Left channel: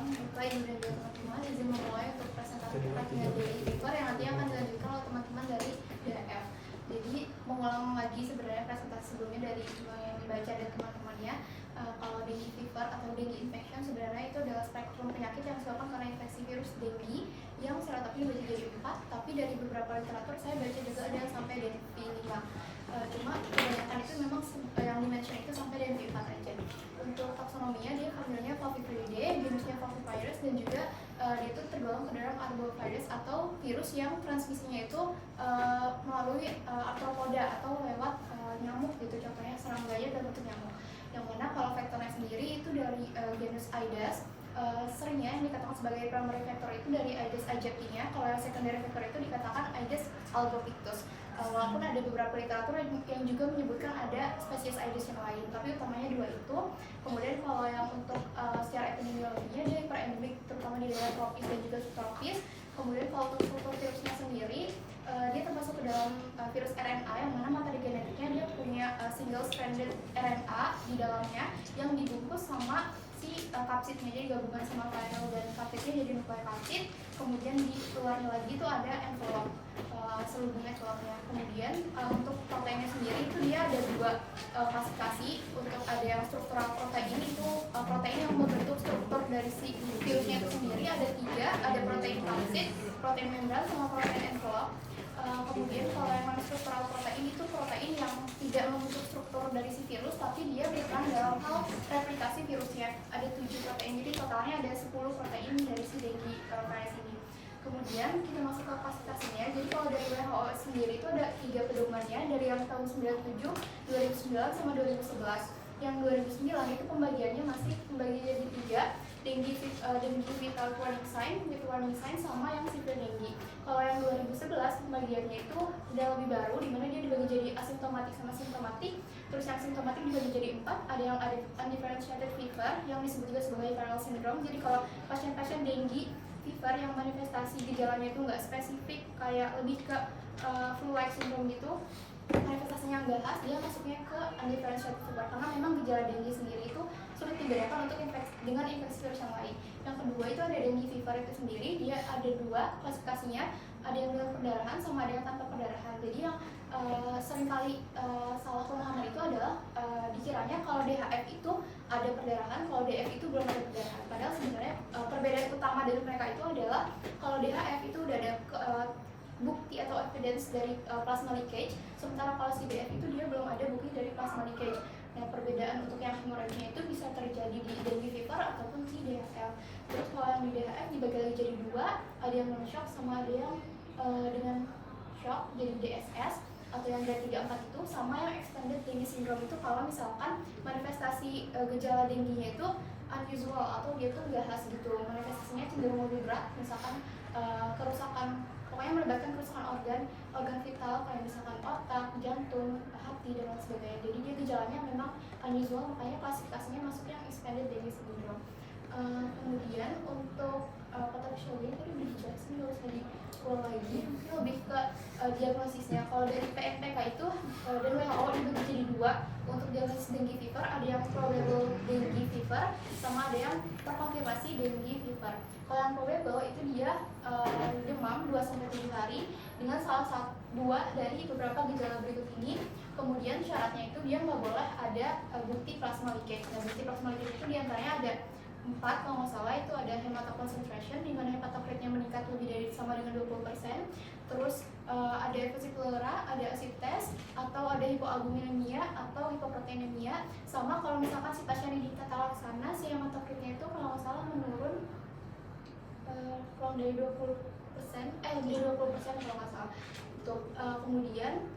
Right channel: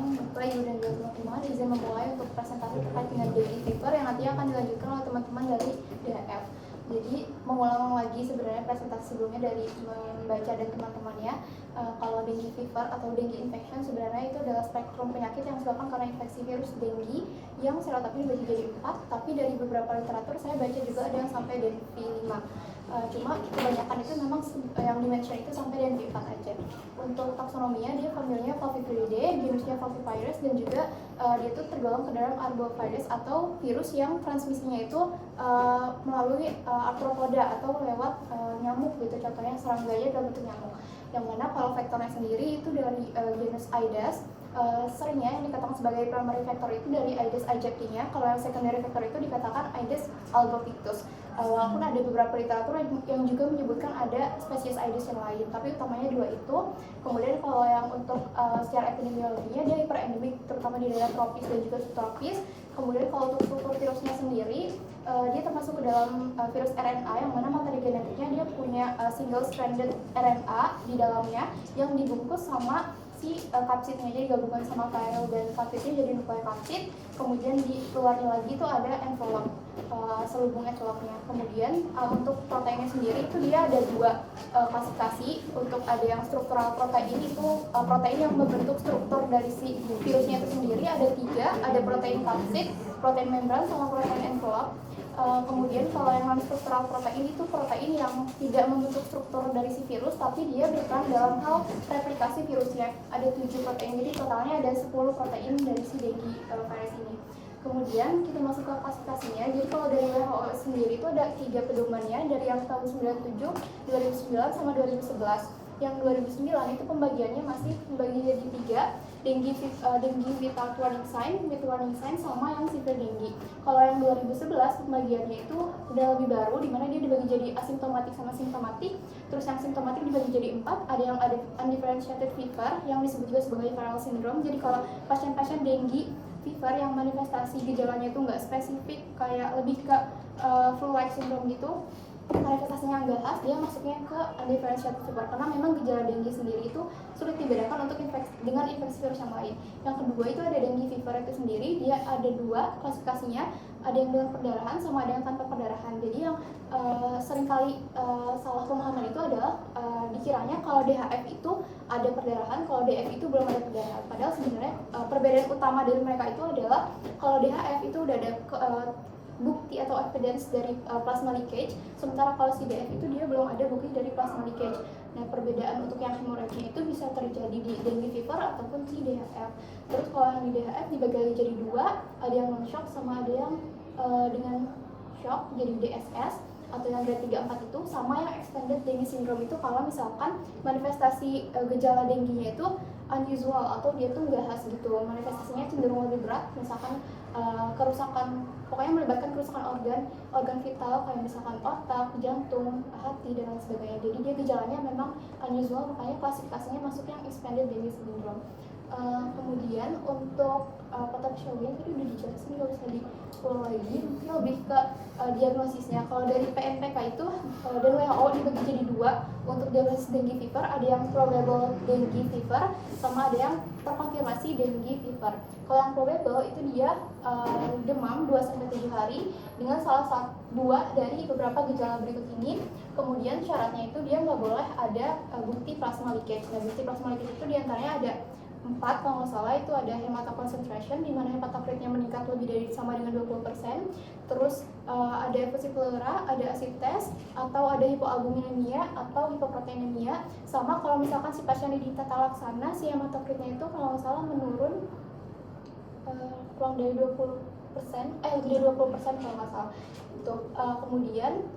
Baik, dan juga teman-teman izin memulai untuk presentasi terkait dengan dengue fever yang nantinya akan dilanjutkan oleh teman-teman dari DHF. Jadi mengulang lagi sebenarnya presentasi sebelumnya dari membaca dan teman-temannya. Kalau dengue fever atau dengue infection sebenarnya itu adalah spektrum penyakit yang disebabkan karena infeksi virus dengue yang serotapnya dibagi jadi 4, tapi dari beberapa literatur saya baca juga ada yang sampai dengue 5. Cuma kebanyakan itu memang yang dimention itu sampai dengue 4 aja. Untuk taksonominya dia familinya Flaviviridae, genusnya Flavivirus, dan juga dia itu tergolong ke dalam arbovirus atau virus yang transmisinya itu melalui arthropoda atau lewat nyamuk gitu, contohnya serangganya dalam bentuk nyamuk. Yang mana kalau vektornya sendiri itu dari genus Aedes, seringnya yang dikatakan sebagai primary vector itu dari Aedes aegyptinya. Kalau yang secondary vector itu dikatakan Aedes albopictus. Walaupun ada beberapa literatur yang juga menyebutkan ada spesies Aedes yang lain, tapi utamanya dua itu. Kemudian kalau yang untuk secara epidemiologinya dia hiperendemik terutama di daerah tropis dan juga subtropis. Kemudian kalau untuk struktur virusnya sendiri dia termasuk ke dalam virus RNA yang mana materi genetiknya dia punya single stranded RNA di dalamnya yang dibungkus sama si kapsidnya, jadi gabungan sama viral dan kapsidnya jadi nukleokapsid. Kemudian di luarnya lagi itu ada envelope, selubung envelope-nya. Kemudian untuk proteinnya sendiri itu dia ada dua klasifikasi. Untuk ada yang struktural protein itu protein yang membentuk struktur dari si virusnya itu sendiri ada 3, ada protein kapsid, protein membran, sama protein envelope. Kemudian kalau yang non-struktural protein itu protein yang tidak membentuk struktur dari si virus, tapi dia berperan dalam hal replikasi virusnya. Ada 7 protein, jadi totalnya ada 10 protein dari si dengue virus ini. Kemudian kita masuk ke klasifikasinya. Jadi kalau dari WHO sendiri itu ada 3 pedomannya dari yang tahun 97, 2009, sama 2011. Yang 2009 itu pembagiannya masih membagi jadi 3, dengue without warning sign, with warning sign, sama yang severe dengue. Kalau yang 2011 pembagiannya itu udah lebih baru, dimana dia dibagi jadi asimptomatik sama simptomatik. Terus yang simptomatik dibagi jadi 4, ada yang ada undifferentiated fever yang disebut juga sebagai viral syndrome. Jadi kalau pasien-pasien dengue fever yang manifestasi gejalanya itu nggak spesifik, kayak lebih ke flu-like syndrome gitu, manifestasinya nggak khas, dia masuknya ke undifferentiated fever karena memang gejala dengue sendiri itu sulit dibedakan untuk dengan infeksi virus yang lain. Yang kedua itu ada dengue fever itu sendiri, dia ada 2 klasifikasinya, ada yang dengan perdarahan sama ada yang tanpa perdarahan. Jadi yang seringkali salah pemahaman itu adalah dikiranya kalau DHF itu ada perdarahan, kalau DF itu belum ada perdarahan. Padahal sebenarnya perbedaan utama dari mereka itu adalah kalau DHF itu udah ada bukti atau evidence dari plasma leakage, sementara kalau si DF itu dia belum ada bukti dari plasma leakage. Nah, perbedaan untuk yang hemorrhagia itu bisa terjadi di dengue fever ataupun di DHF. Terus kalau yang di DHF dibagi lagi jadi 2, ada yang non-shock sama ada yang dengan shock jadi DSS, atau yang grade 3-4 itu, sama yang extended dengue syndrome itu kalau misalkan manifestasi gejala dengue-nya itu unusual atau dia tuh nggak khas gitu, manifestasinya cenderung lebih berat, misalkan kerusakan, pokoknya melibatkan kerusakan organ vital kayak misalkan otak, jantung, hati, dan lain sebagainya. Jadi dia gejalanya memang unusual, makanya klasifikasinya masuk yang expanded dengue syndrome. Kemudian untuk pathophysiologi tadi udah dijelasin, nggak usah diulang lagi. Mungkin lebih ke diagnosisnya. Kalau dari PNPK itu dan WHO dibagi jadi 2 untuk diagnosis dengue fever, ada yang probable dengue fever sama ada yang terkonfirmasi dengue fever. Kalau yang probable itu dia demam 2-7 hari dengan salah satu 2 dari beberapa gejala berikut ini. Kemudian syaratnya itu dia nggak boleh ada bukti plasma leakage. Nah, bukti plasma leakage itu diantaranya ada 4 kalau nggak salah, itu ada hematoconcentration di mana hematokritnya meningkat lebih dari sama dengan 20%. Terus ada efusi pleura, ada acid test, atau ada hipoalbuminemia atau hipoproteinemia. Sama kalau misalkan si pasien di tata laksana si hematokritnya itu kalau nggak salah menurun kurang dari 20%, lebih dari 20% kalau nggak salah. Itu kemudian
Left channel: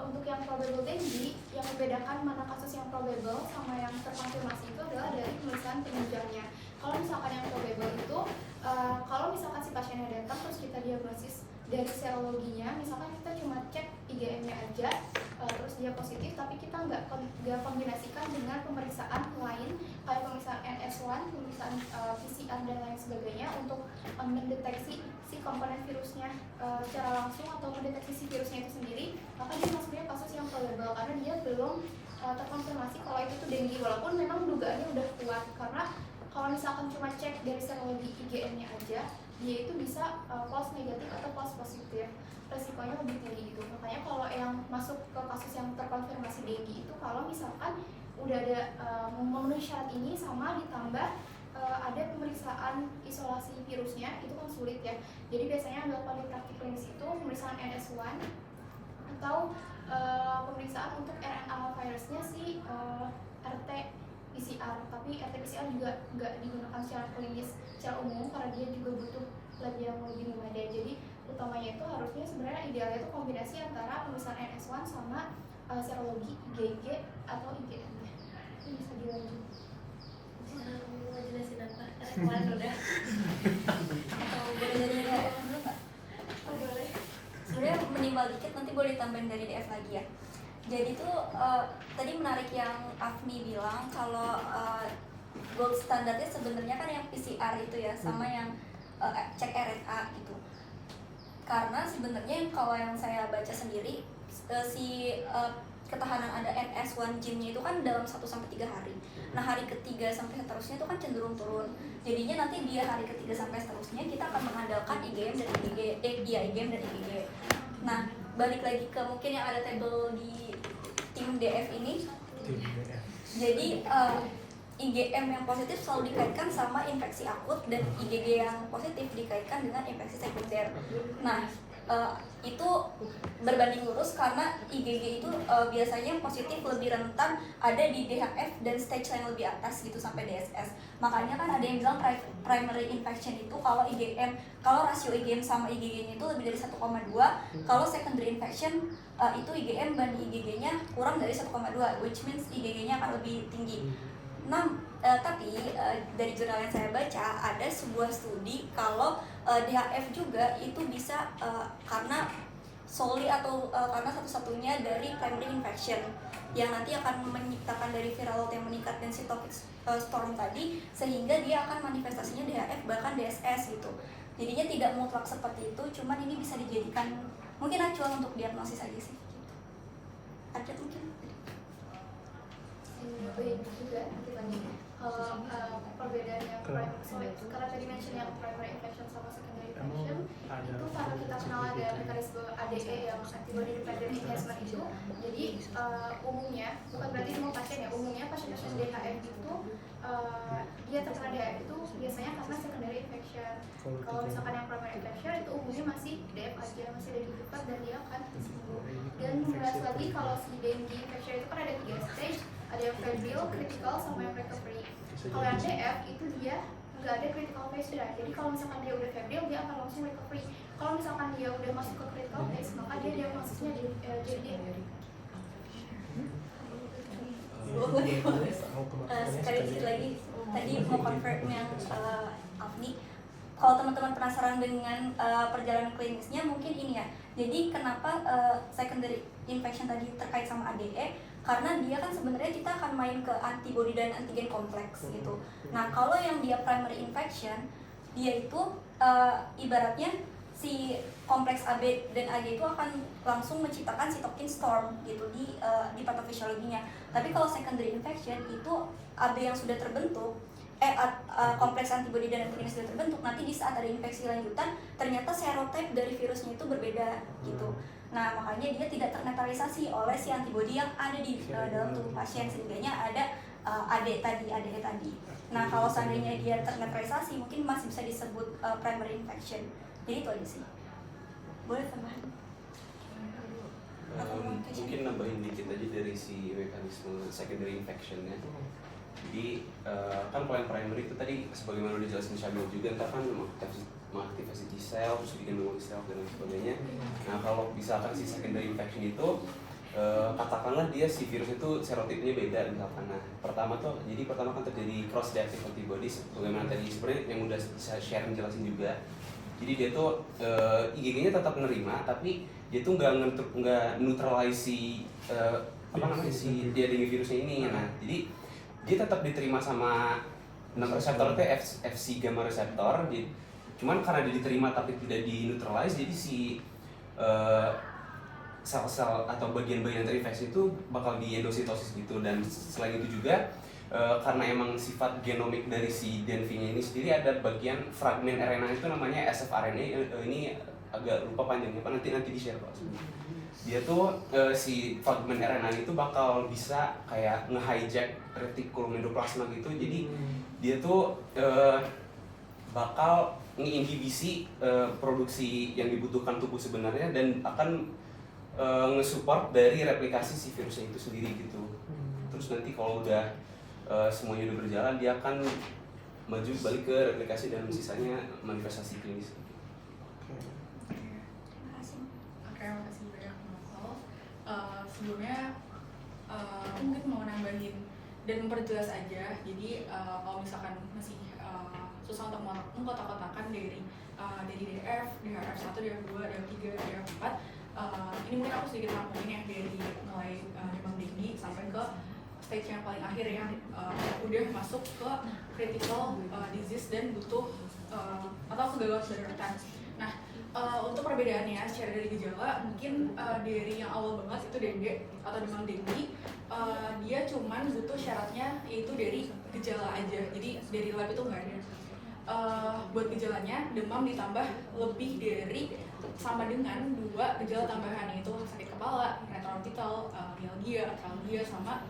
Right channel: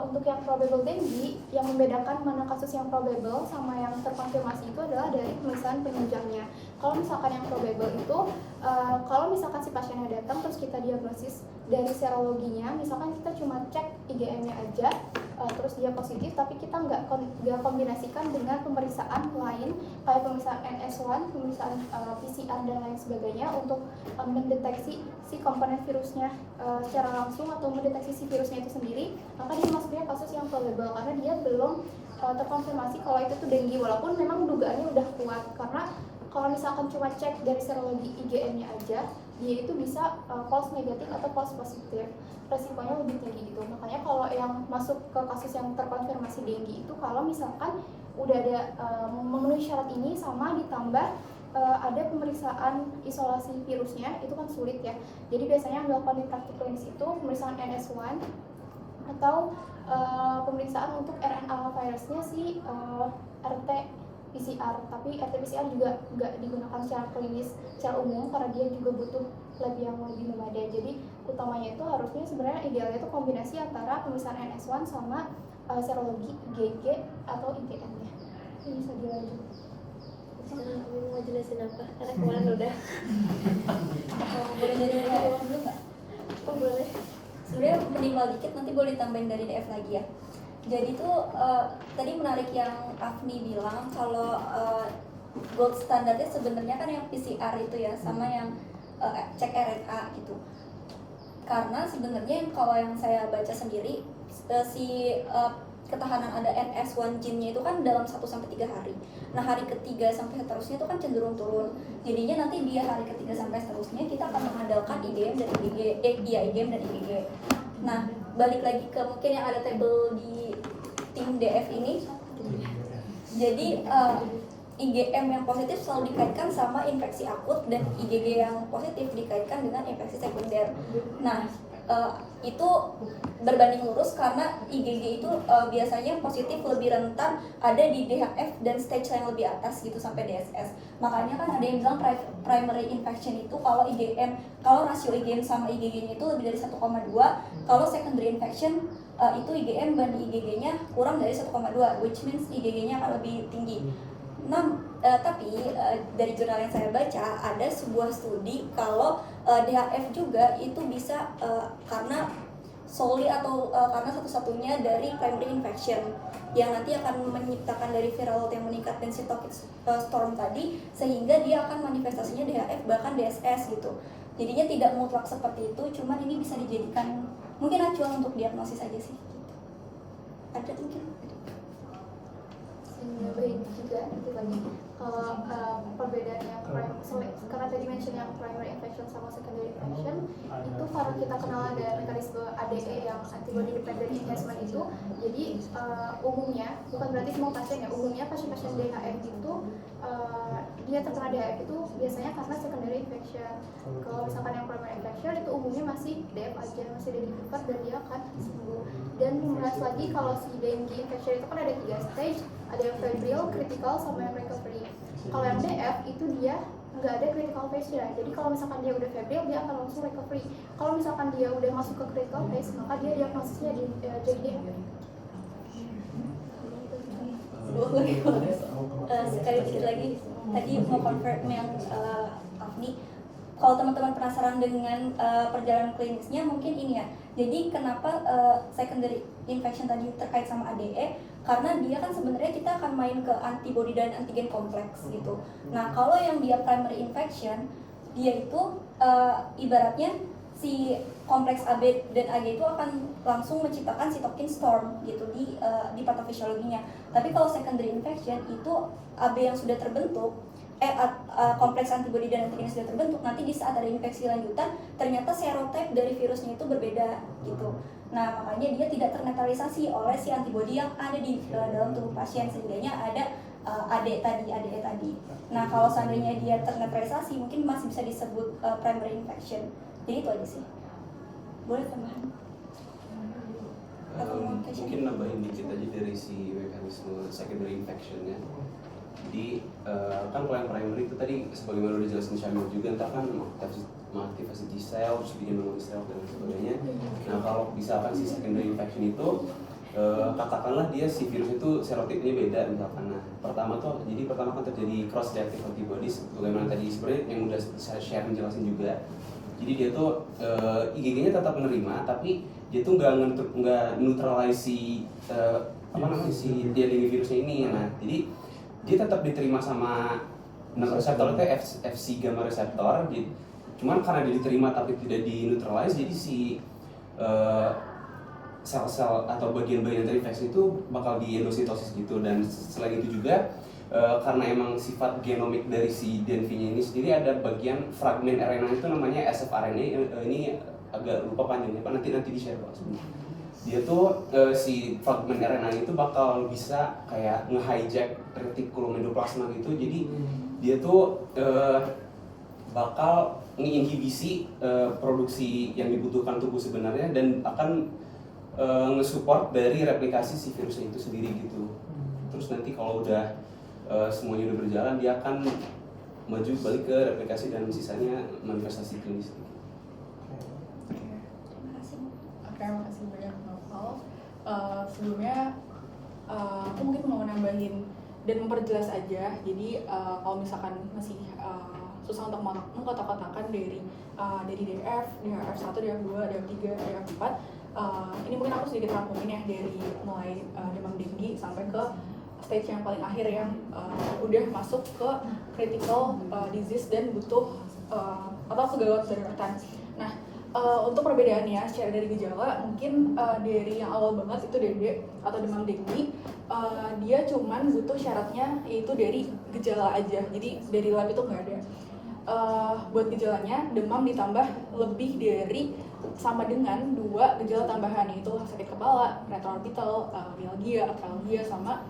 untuk yang probable dengue, yang membedakan mana kasus yang probable sama yang terkonfirmasi itu adalah dari pemeriksaan penunjangnya. Kalau misalkan yang probable itu, kalau misalkan si pasiennya datang terus kita diagnosis dari serologinya, misalkan kita cuma cek IgM-nya aja, terus dia positif, tapi kita nggak kombinasikan dengan pemeriksaan lain kayak pemeriksaan NS1, pemeriksaan PCR dan lain sebagainya untuk mendeteksi si komponen virusnya secara langsung atau mendeteksi si virusnya itu sendiri, maka dia masuknya kasus yang probable karena dia belum terkonfirmasi kalau itu tuh dengue, walaupun memang dugaannya udah kuat. Karena kalau misalkan cuma cek dari serologi IgM-nya aja, dia itu bisa false negatif atau false positif, resikonya lebih tinggi gitu. Makanya kalau yang masuk ke kasus yang terkonfirmasi dengue itu kalau misalkan udah ada memenuhi syarat ini sama ditambah ada pemeriksaan isolasi virusnya, itu kan sulit ya. Jadi biasanya yang dilakukan di praktik klinis itu pemeriksaan NS1 atau pemeriksaan untuk RNA virusnya si RT PCR, tapi RT PCR juga nggak digunakan secara klinis secara umum karena dia juga butuh lab yang lebih memadai. Jadi utamanya itu harusnya sebenarnya idealnya itu kombinasi antara pemeriksaan NS1 sama serologi IgG atau IgM-nya. Ini bisa dilanjut. Kamu mau jelasin apa? Karena kemarin udah. Boleh jadi dulu nggak? Oh boleh. Sebenarnya minimal dikit, nanti boleh ditambahin dari DF lagi ya. Jadi tuh tadi menarik yang Afni bilang kalau gold standarnya sebenarnya kan yang PCR itu ya, sama yang cek RNA gitu. Karena sebenarnya kalau yang saya baca sendiri ketahanan ada NS1 gene-nya itu kan dalam 1-3 hari. Nah hari ketiga sampai seterusnya itu kan cenderung turun. Jadinya nanti dia hari ketiga sampai seterusnya kita akan mengandalkan IgM dan IgM dan IgG. Nah balik lagi ke mungkin yang ada table di tim DF ini. Jadi IgM yang positif selalu dikaitkan sama infeksi akut dan IgG yang positif dikaitkan dengan infeksi sekunder. Nah itu berbanding lurus karena IgG itu biasanya positif lebih rentan ada di DHF dan stage yang lebih atas gitu sampai DSS. Makanya kan ada yang bilang primary infection itu kalau rasio IgM sama IgG-nya itu lebih dari 1,2, kalau secondary infection itu IgM dan IgG-nya kurang dari 1,2, which means IgG-nya akan lebih tinggi. Nah, tapi dari jurnal yang saya baca ada sebuah studi kalau DHF juga itu bisa karena solely atau karena satu-satunya dari primary infection yang nanti akan menciptakan dari viral load yang meningkat dan cytokine storm tadi, sehingga dia akan manifestasinya DHF bahkan DSS gitu. Jadinya tidak mutlak seperti itu, cuman ini bisa dijadikan mungkin acuan untuk diagnosis aja sih gitu. Ada mungkin Baik juga nanti lagi kalau perbedaan yang karena tadi mention yang primary infection sama secondary infection itu karena kita kenal ada mekanisme ADE yang antibody dependent enhancement itu, jadi umumnya bukan berarti semua pasien ya, umumnya pasien-pasien DHF itu dia terkena DHF itu biasanya karena secondary infection. Kalau misalkan yang primary infection itu umumnya masih DF aja, masih ada di liver dan dia akan sembuh. Dan membahas lagi kalau si dengue infection itu kan ada 3 stage, ada yang febrile, critical, sama yang recovery. Kalau yang DF itu dia nggak ada critical phase ya. Jadi kalau misalkan dia udah febrile dia akan langsung recovery. Kalau misalkan dia udah masuk ke critical phase maka dia diagnosisnya jadi DF. Sekali dikit lagi tadi mau confirm yang Afni, kalau teman-teman penasaran dengan perjalanan klinisnya mungkin ini ya. Jadi kenapa secondary infection tadi terkait sama ADE? Karena dia kan sebenarnya kita akan main ke antibody dan antigen kompleks gitu. Nah kalau yang dia primary infection, dia itu ibaratnya si kompleks AB dan AG itu akan langsung menciptakan cytokine storm gitu di patofisiologinya. Tapi kalau secondary infection itu AB yang sudah terbentuk, kompleks antibody dan antigen sudah terbentuk, nanti di saat ada infeksi lanjutan ternyata serotype dari virusnya itu berbeda gitu. Nah makanya dia tidak ternetralisasi oleh si antibody yang ada di dalam tubuh pasien, sehingganya ada ADE tadi. Nah kalau seandainya dia ternetralisasi mungkin masih bisa disebut primary infection. Jadi itu aja sih. Boleh tambahan? Mungkin nambahin dikit aja dari si mekanisme secondary infection-nya. Jadi kan kalau yang primary itu tadi sebagaimana udah dijelasin Syamil juga, entah kan mengaktifasi T cell, terus bikin memory cell dan sebagainya. Nah kalau misalkan si secondary infection itu katakanlah dia si virus itu serotipnya beda misalkan. Nah pertama kan terjadi cross reactive antibodies, bagaimana tadi sebenarnya yang udah saya share menjelasin juga. Jadi dia tuh IgG-nya tetap menerima, tapi dia tuh nggak neutralize si si dengue virusnya ini. Nah jadi dia tetap diterima sama reseptornya Fc gamma reseptor. Cuman karena dia diterima tapi tidak di neutralize, jadi si sel-sel atau bagian-bagian terinfeksi itu bakal di endositosis gitu. Dan selain itu juga karena emang sifat genomik dari si DNV-nya ini sendiri ada bagian fragmen RNA itu namanya sfRNA. Ini agak lupa panjangnya Pak, nanti di-share Pak. Dia tuh si fragmen RNA itu bakal bisa kayak nge-hijack retikulum endoplasma gitu. Jadi dia tuh bakal menginhibisi produksi yang dibutuhkan tubuh sebenarnya dan akan nge-support dari replikasi si virusnya itu sendiri gitu. Terus nanti kalau udah semuanya udah berjalan, dia akan maju balik ke replikasi dan sisanya manifestasi klinis. Oke, makasih banyak Novel. Sebelumnya aku mungkin mau nambahin dan memperjelas aja. Jadi kalau misalkan masih susah untuk mengkotak-kotakan dari DF, DF1, DF2, DF3, DF4, ini mungkin aku sedikit rangkumin ya dari mulai demam tinggi sampai ke stage yang paling akhir yang udah masuk ke critical disease dan butuh atau kegagalan daruratan. Nah, untuk perbedaannya secara dari gejala mungkin dari yang awal banget itu DD atau demam tinggi, dia cuman butuh syaratnya yaitu dari gejala aja, jadi dari lab itu nggak ada. Buat gejalanya demam ditambah lebih dari sama dengan 2 gejala tambahan, yaitu sakit kepala, retroorbital, mialgia, arthralgia, sama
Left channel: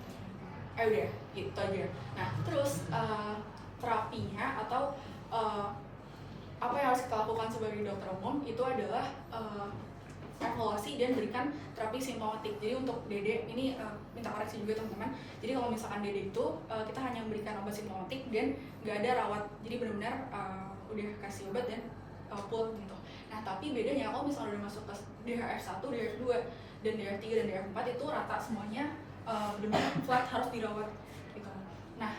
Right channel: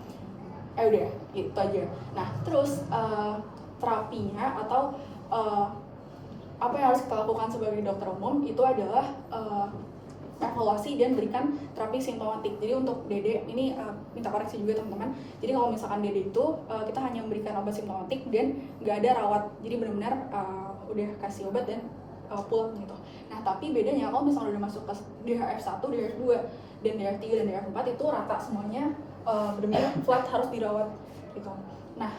udah gitu aja. Nah terus terapinya atau apa yang harus kita lakukan sebagai dokter umum itu adalah evaluasi dan berikan terapi simptomatik. Jadi untuk DD ini minta koreksi juga teman-teman. Jadi kalau misalkan DD itu kita hanya memberikan obat simptomatik dan nggak ada rawat. Jadi benar-benar udah kasih obat dan pulang gitu. Nah tapi bedanya kalau misalnya udah masuk ke DHF1, DHF2, dan DHF3 dan DHF4 itu rata semuanya benar-benar flat harus dirawat gitu. Nah,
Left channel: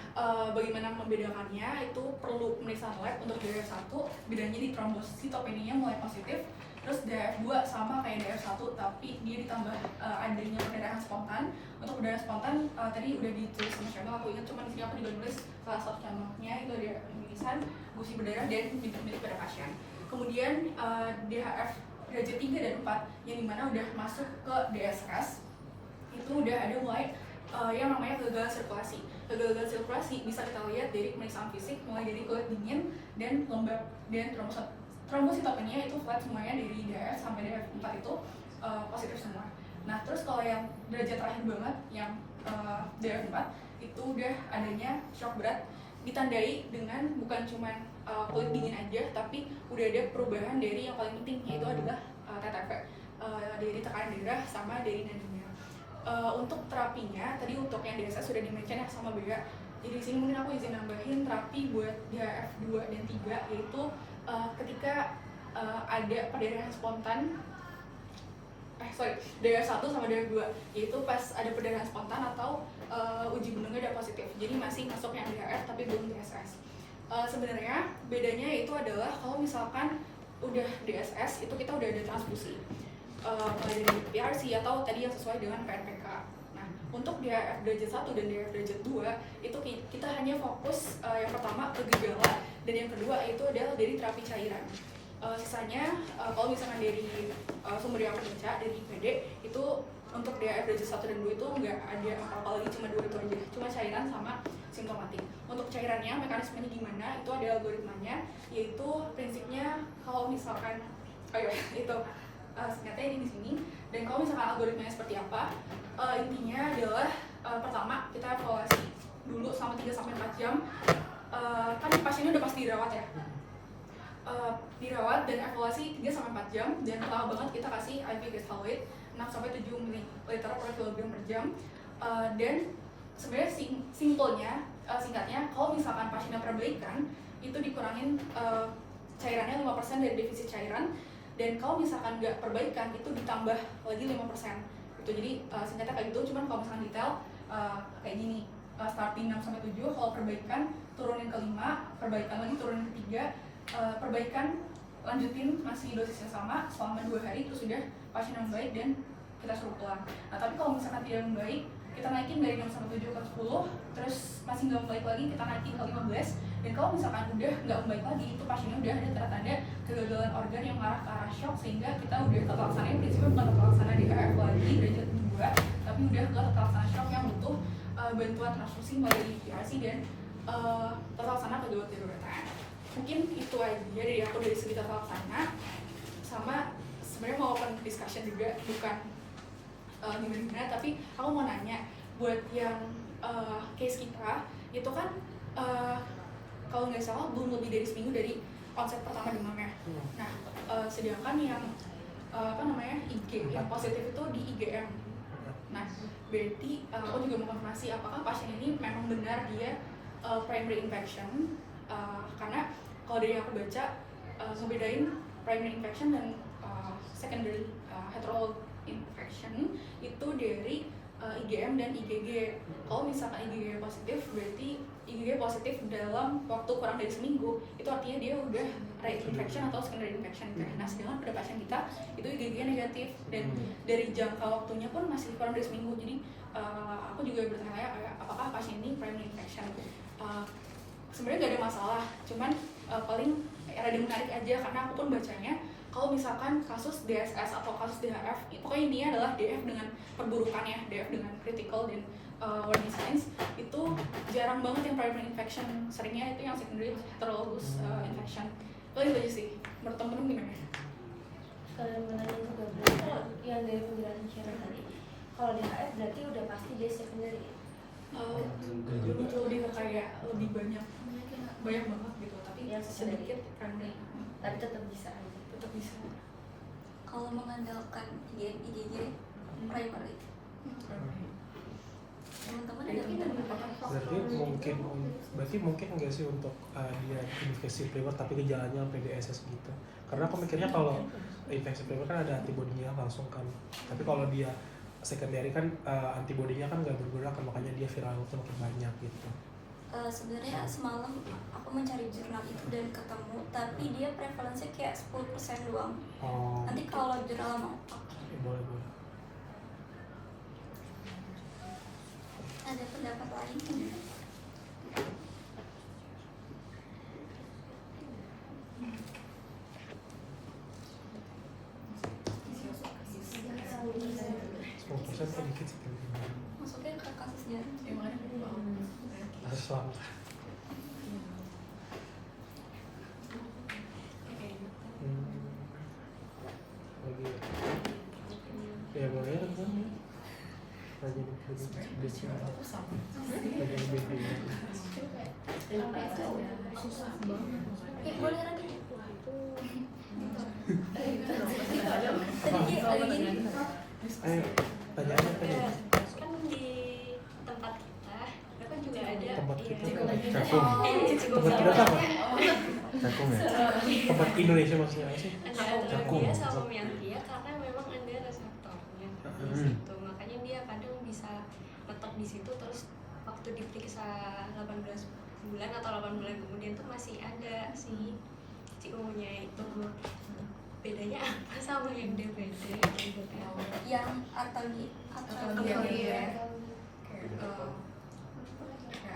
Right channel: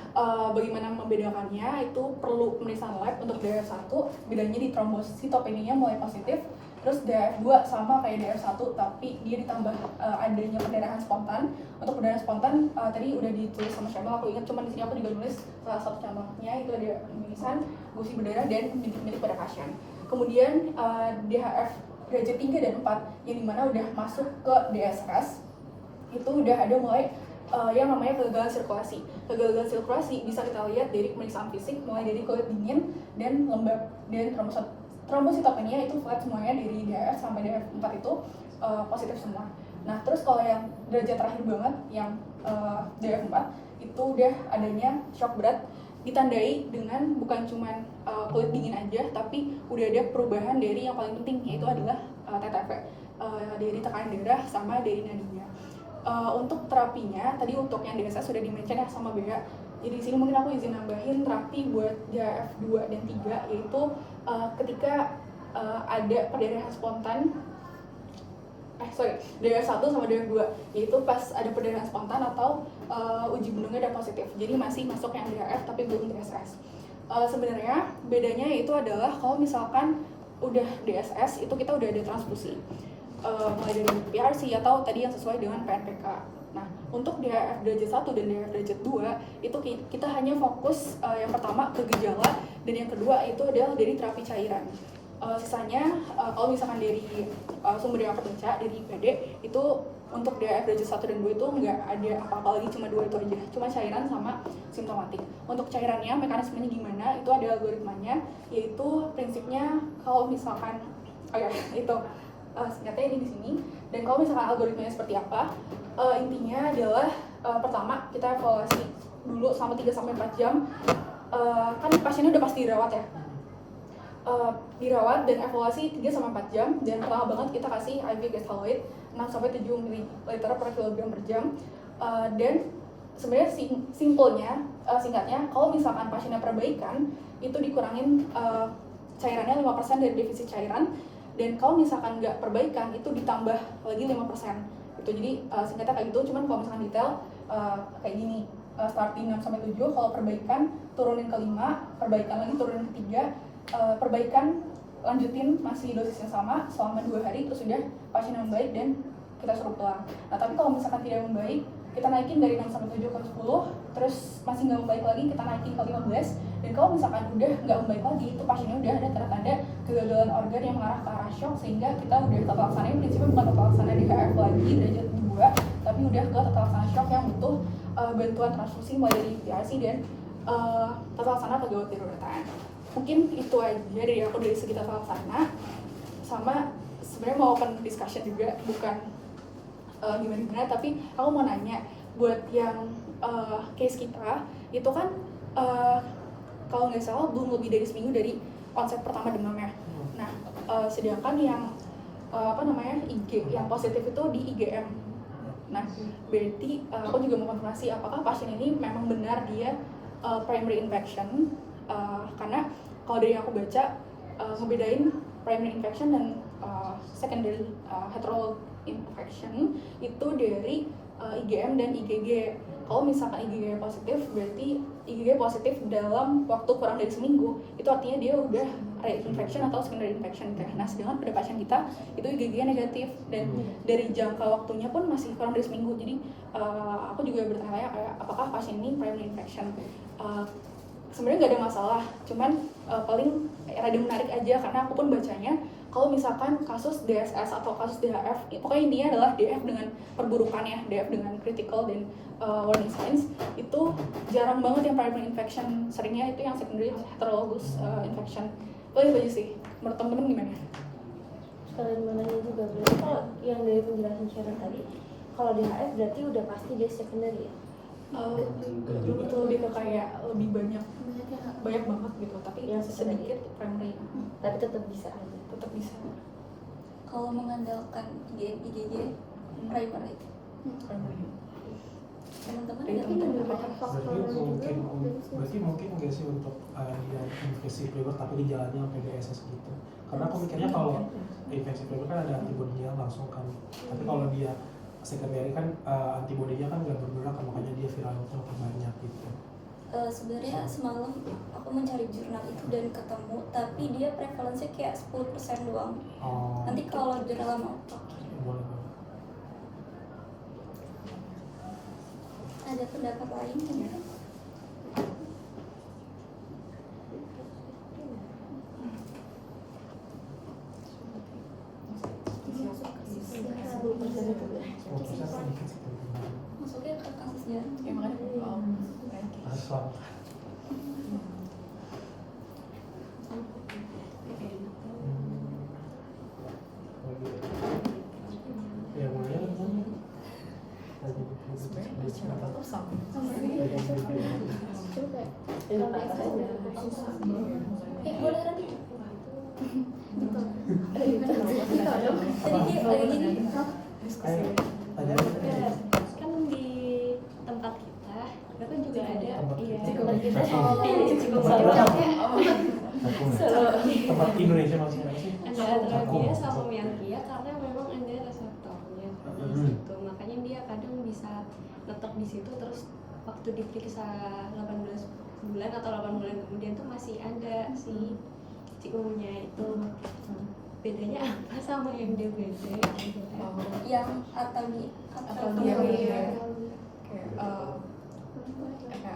bagaimana membedakannya itu perlu pemeriksaan lab. Untuk DHF1 bedanya di trombositopenia mulai positif, terus DHF2 sama kayak DHF1 tapi dia ditambah adanya perdarahan spontan. Untuk perdarahan spontan tadi udah ditulis sama Syabang, aku ingat, cuman di sini aku juga nulis salah satu cabangnya itu ada mimisan, gusi berdarah, dan bibit-bibit pada pasien. Kemudian DHF derajat 3 dan 4 yang dimana udah masuk ke DSS itu udah ada mulai yang namanya kegagalan sirkulasi. Kegagalan sirkulasi bisa kita lihat dari pemeriksaan fisik, mulai dari kulit dingin dan lembab, dan trombositopenia itu flat semuanya dari DHF sampai DHF4 itu positif semua. Nah terus kalau yang derajat terakhir banget yang DHF4 itu udah adanya shock berat ditandai dengan bukan cuma kulit dingin aja, tapi udah ada perubahan dari yang paling penting yaitu adalah TTP, dari tekanan darah sama dari nadinya. Untuk terapinya, tadi untuk yang DSS sudah di-mention ya sama Bea. Jadi di sini mungkin aku izin nambahin terapi buat DHF2 dan 3 yaitu ketika ada perdarahan spontan DHF1 sama DHF2 yaitu pas ada perdarahan spontan atau uji benungnya udah positif. Jadi masih masuk yang DHF tapi belum DSS. Sebenarnya bedanya itu adalah kalau misalkan udah DSS itu kita udah ada transfusi. Mulai dari PRC atau tadi yang sesuai dengan PNPK. Nah, untuk DHF derajat 1 dan DHF derajat 2 itu kita hanya fokus yang pertama ke gejala dan yang kedua itu adalah dari terapi cairan. Sisanya kalau misalkan dari sumber yang kepencak dari IPD itu untuk DHF derajat 1 dan 2 itu nggak ada apa-apa lagi, cuma 2 itu aja, cuma cairan sama simptomatik. Untuk cairannya mekanismenya gimana itu ada algoritmanya, yaitu prinsipnya kalau misalkan itu singkatnya ini di sini. Dan kalau misalkan algoritmanya seperti apa, intinya adalah pertama kita evaluasi dulu selama 3-4 jam. Kan pasiennya udah pasti dirawat ya, dirawat dan evaluasi 3-4 jam. Dan pertama banget kita kasih IV gestaloid 6-7 ml per kilogram per jam. Dan sebenarnya singkatnya kalau misalkan pasiennya perbaikan itu dikurangin cairannya 5% dari defisit cairan. Dan kalau misalkan nggak perbaikan itu ditambah lagi 5%. Itu jadi singkatnya kayak gitu, cuman kalau misalkan detail kayak gini. Starting 6-7, kalau perbaikan turunin ke 5, perbaikan lagi turunin ke 3, perbaikan lanjutin masih dosisnya sama selama 2 hari, terus udah pasien yang membaik dan kita suruh pulang. Nah tapi kalau misalkan tidak membaik, kita naikin dari 6-7 ke 10, terus masih nggak membaik lagi, kita naikin ke 15. Dan kalau misalkan udah nggak membaik lagi, itu pasiennya udah ada tanda-tanda kegagalan organ yang mengarah ke arah shock, sehingga kita udah tata laksanain prinsipnya bukan tata laksana DHF lagi derajat 2, tapi udah ke tata laksana shock yang butuh bantuan transfusi mulai dari PRC dan tata laksana pegawai daruratan. Mungkin itu aja dari aku dari segi tata laksana, sama sebenarnya mau open discussion juga, bukan gimana-gimana, tapi aku mau nanya buat yang case kita itu kan kalau nggak salah belum lebih dari seminggu dari onset pertama demamnya. Nah, sedangkan yang IG yang positif itu di IgM. Nah, berarti aku juga mau konfirmasi apakah pasien ini memang benar dia primary infection, karena kalau dari yang aku baca ngebedain primary infection dan secondary heterologous infection itu dari IgM dan IgG. Kalau misalkan IgG positif, berarti IgG positif dalam waktu kurang dari seminggu, itu artinya dia udah re-infection atau secondary infection. Nah, sedangkan pada pasien kita itu IgG negatif dan dari jangka waktunya pun masih kurang dari seminggu. Jadi aku juga bertanya kayak apakah pasien ini primary infection. Sebenarnya nggak ada masalah, cuman paling rada menarik aja karena aku pun bacanya kalau misalkan kasus DSS atau kasus DHF, pokoknya intinya adalah DF dengan perburukannya, DF dengan critical dan warning signs, itu jarang banget yang primary infection, seringnya itu yang secondary heterologous infection. Itu aja sih, menurut temen-temen gimana? Kalau gimana juga berarti kalau yang dari penjelasan Sharon tadi, kalau DHF berarti udah pasti dia secondary. Belum lebih ke kayak lebih banyak banget gitu, tapi Yang sedikit primary, Tapi tetap bisa. tetap bisa. Kalau mengandalkan IgM, IgG primary, teman-teman ada Mungkin beberapa faktor berarti mungkin nggak sih untuk dia infeksi primer tapi di jalannya sampai DSS gitu. Karena aku mikirnya kalau infeksi primer kan ada antibodinya langsung kan, tapi kalau dia secondary kan antibodinya kan nggak bergerak, makanya dia viralnya pun banyak gitu. Sebenarnya semalam aku mencari jurnal itu dan ketemu, tapi dia prevalensinya kayak 10% doang. Nanti kalau jurnal mau Boleh. ada pendapat lain nggak? Masuknya ke kasus jarang. Asal. Ya boleh lah kan. Boleh lagi. Ayo, tanya aja. Kan di tempat kita kan juga ada Tempat Indonesia maksudnya sih. ada antara sama mialgia karena memang ada reseptornya di situ, makanya dia kadang bisa letak di situ, terus waktu diperiksa 18 bulan atau 8 bulan kemudian tuh masih ada si cikungunya itu. Bedanya apa sama yang DBD gitu kan? Yang atau dia kayak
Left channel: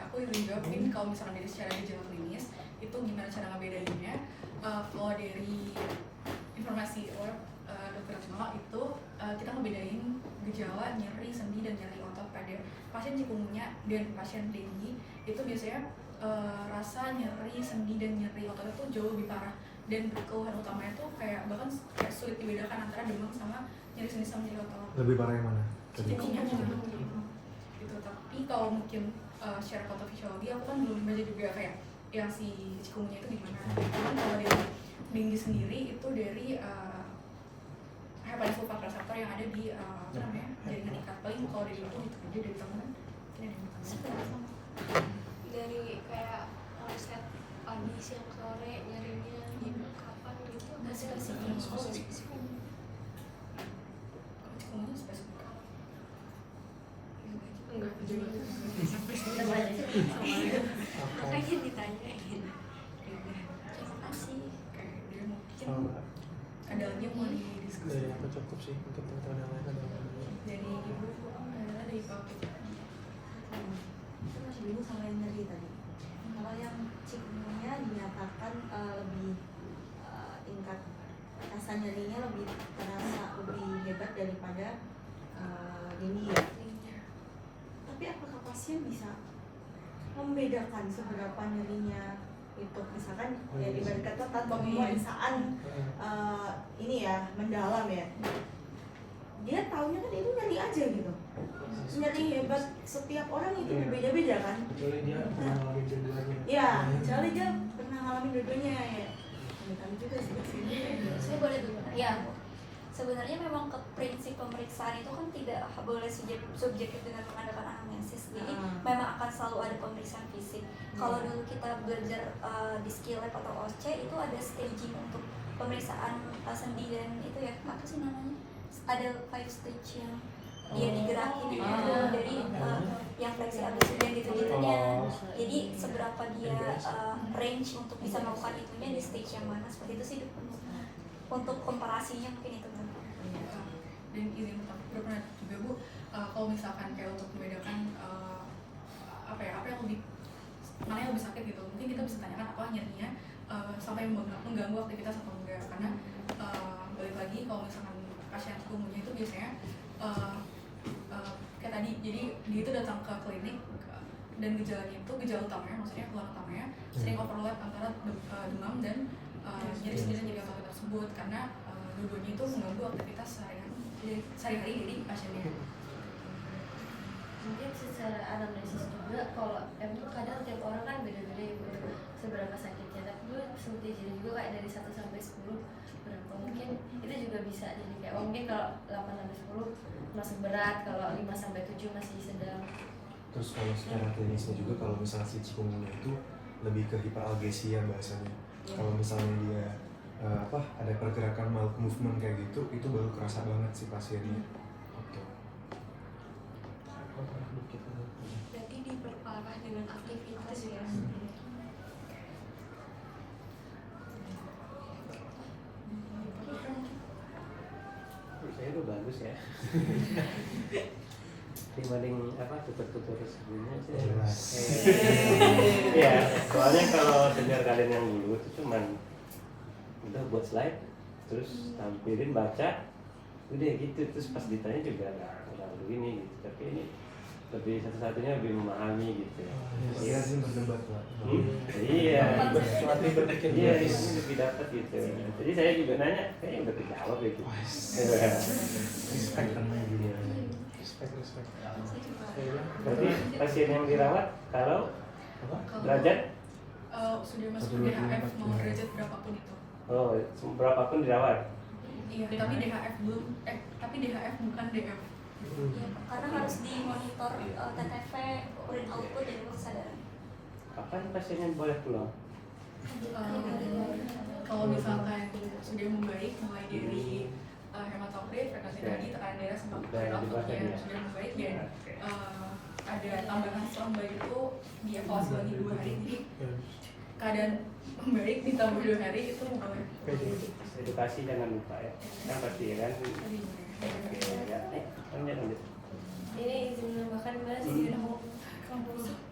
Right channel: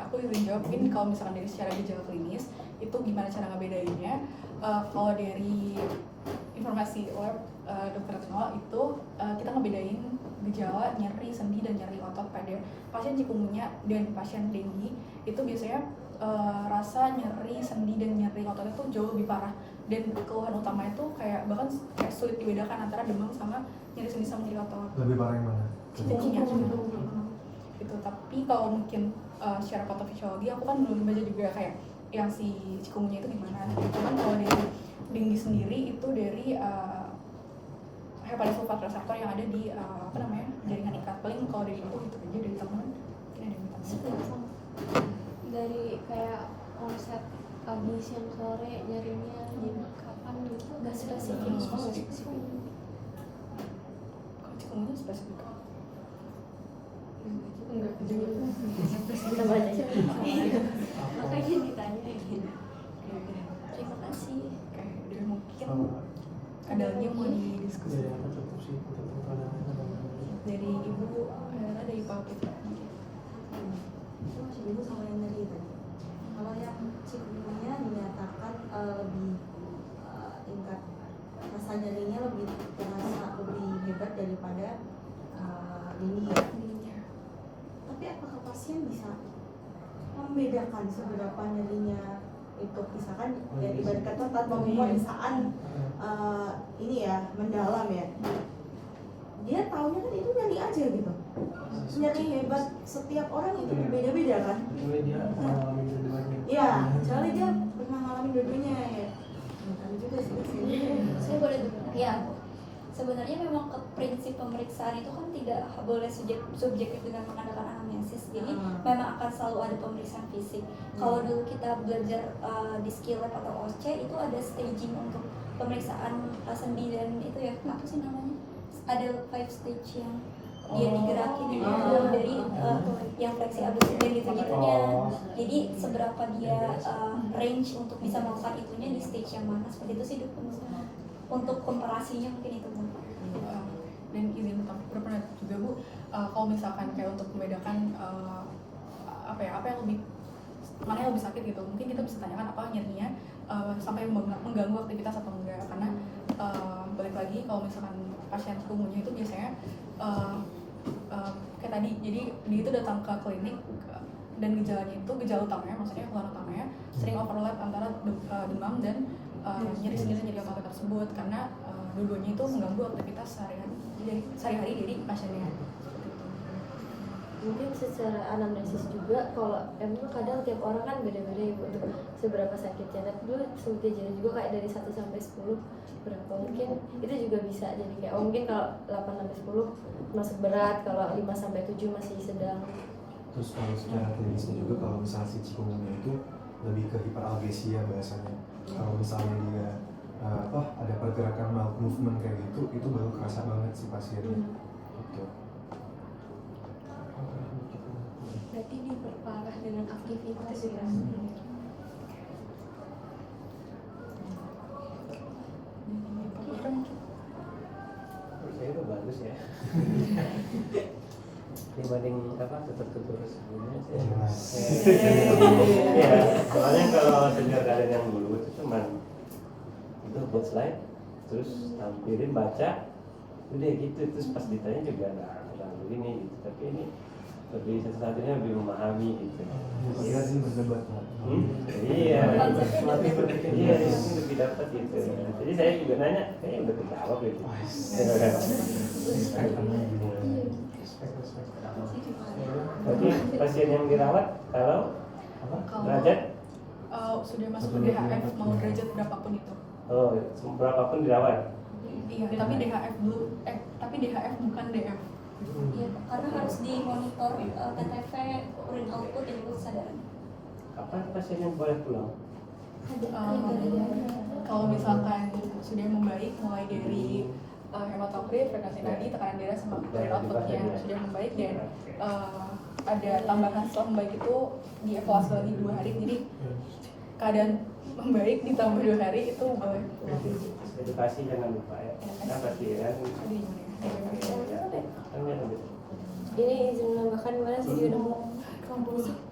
aku juga jawab mungkin kalau misalkan dari secara gejala klinis itu gimana cara ngebedainnya. Kalau dari informasi web dokter Retno itu kita ngebedain gejala nyeri sendi dan nyeri otot pada pasien cikungunya dan pasien dengue. Itu biasanya rasa nyeri sendi dan nyeri otot itu jauh lebih parah, dan keluhan utamanya tuh kayak bahkan kayak sulit dibedakan antara demam sama nyeri sendi sama nyeri otot. Lebih parah yang mana? Cikungunya gitu. Tapi kalau mungkin secara patofisiologi aku kan belum baca juga kayak yang si cikungunya itu gimana. Cuman kalau dari dengue sendiri itu dari hepatitis sulfat reseptor yang ada di jaringan ikat. Paling kalau dari aku gitu aja dari teman. Mungkin ada yang bertanya. Dari kayak onset pagi siang sore nyerinya di kapan gitu nggak spesifik. Kalau cikungunya spesifik. Enggak juga. Makanya ditanyain. terima kasih. Oke, dan mungkin ada lagi yang mau didiskusi Dari apa cukup sih untuk dari ibu dari Pak Putra. Masih bingung sama yang nyeri tadi. Kalau yang cikungunya dinyatakan lebih tingkat rasa nyerinya lebih terasa lebih hebat daripada dengue ya. Tapi apakah pasien membedakan seberapa nyerinya itu, misalkan ya ibarat kata tanpa pemeriksaan ini ya mendalam ya, dia taunya kan itu nyeri aja gitu. Nyeri hebat setiap orang itu berbeda-beda kan. Kecuali dia pernah ngalamin dua-duanya. Iya, kecuali dia pernah ngalamin dua-duanya ya. Bukan juga sih. Saya boleh ya. Sebenarnya memang ke prinsip pemeriksaan itu kan tidak boleh subjektif dengan mengadakan anamnesis. Jadi memang akan selalu ada pemeriksaan fisik. Kalau dulu kita belajar di skill lab atau OSCE itu ada staging untuk pemeriksaan sendi dan itu ya apa sih namanya? Ada 5 stage yang dia digerakin gitu dari yang fleksi abdomen gitu-gitunya. Jadi seberapa dia range untuk bisa melakukan itunya di stage yang mana, seperti itu sih untuk komparasinya mungkin itu. Dan izin benar-benar juga Bu, kalau misalkan kayak untuk membedakan apa yang lebih, mana yang lebih sakit gitu, mungkin kita bisa tanyakan apa nyerinya sampai mengganggu aktivitas atau enggak. Karena balik lagi kalau misalkan pasien kumuhnya itu biasanya kayak tadi, jadi dia itu datang ke klinik dan gejalanya itu, gejala utamanya maksudnya keluhan utamanya sering overlap antara demam dan nyeri otot tersebut, karena dua-duanya itu mengganggu aktivitas sehari-hari dari pasiennya. Mungkin secara anamnesis juga, kalau emang kadang tiap orang kan beda-beda ya untuk seberapa sakitnya. Tapi dulu sempat diajarin juga kayak dari 1 sampai 10 berapa, mungkin itu juga bisa jadi kayak mungkin kalau 8 sampai 10 masuk berat, kalau 5 sampai 7 masih sedang. Terus kalau secara klinisnya juga, kalau misalnya si chikungunya itu lebih ke hiperalgesia bahasanya. Kalau misalnya dia ada pergerakan mouth movement kayak gitu, itu baru kerasa banget si pasiennya. Gitu. Berarti diperparah dengan aktivitas ya. Saya itu bagus ya. Dibanding tutur sebelumnya ya, soalnya kalau senior kalian yang dulu itu cuman udah buat slide terus tampilin baca udah gitu, terus pas ditanya juga nggak begini gitu, tapi ini lebih satu-satunya lebih memahami gitu. Kira sih berdebat lah. Iya, iya ini lebih dapat gitu. Jadi saya juga nanya, kayaknya udah terjawab gitu. Tapi pasien yang dirawat kalau derajat Sudah masuk ke DHF mau derajat berapapun itu. oh berapapun dirawat. Iya, tapi DHF bukan DF. Ya, karena harus dimonitor TTV, urin output dan juga kesadaran. Kapan pasiennya boleh pulang? Kalau misalkan sudah membaik mulai dari hematokrit, frekuensi nadi, tekanan darah sama urin outputnya sudah membaik dan ada tambahan setelah membaik itu dievaluasi lagi 2 hari, jadi keadaan membaik ditambah 2 hari itu boleh pulang. Edukasi jangan lupa ya. Nah pasien Ini izin menambahkan gimana sih dia nemu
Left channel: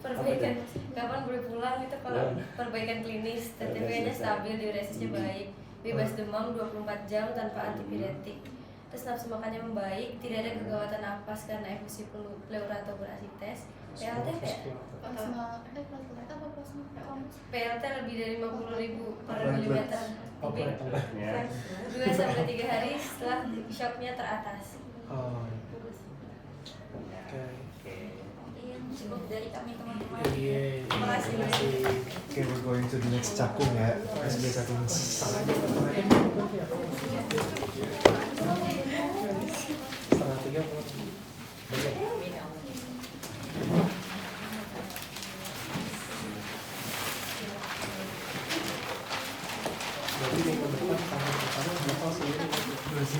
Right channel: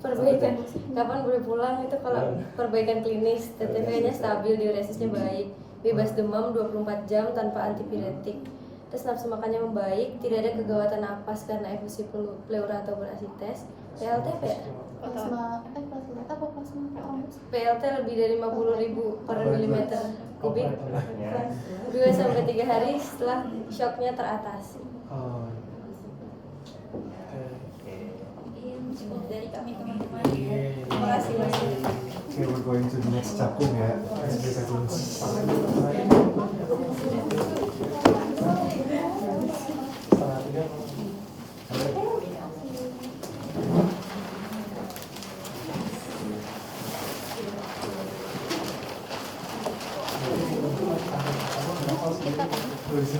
perbaikan kapan boleh pulang itu kalau perbaikan klinis, TTP-nya stabil, diuresisnya baik, bebas demam 24 jam tanpa antipiretik, terus nafsu makannya membaik, tidak ada kegawatan napas karena efusi pleura atau berasites, PLTP ya? Plasma apa plasma PLT lebih dari 50.000 per milimeter kubik 2-3 hari setelah shocknya teratasi. Cukup dari kami teman-teman. Terima kasih banyak. Okay, we're going to the next cakung ya.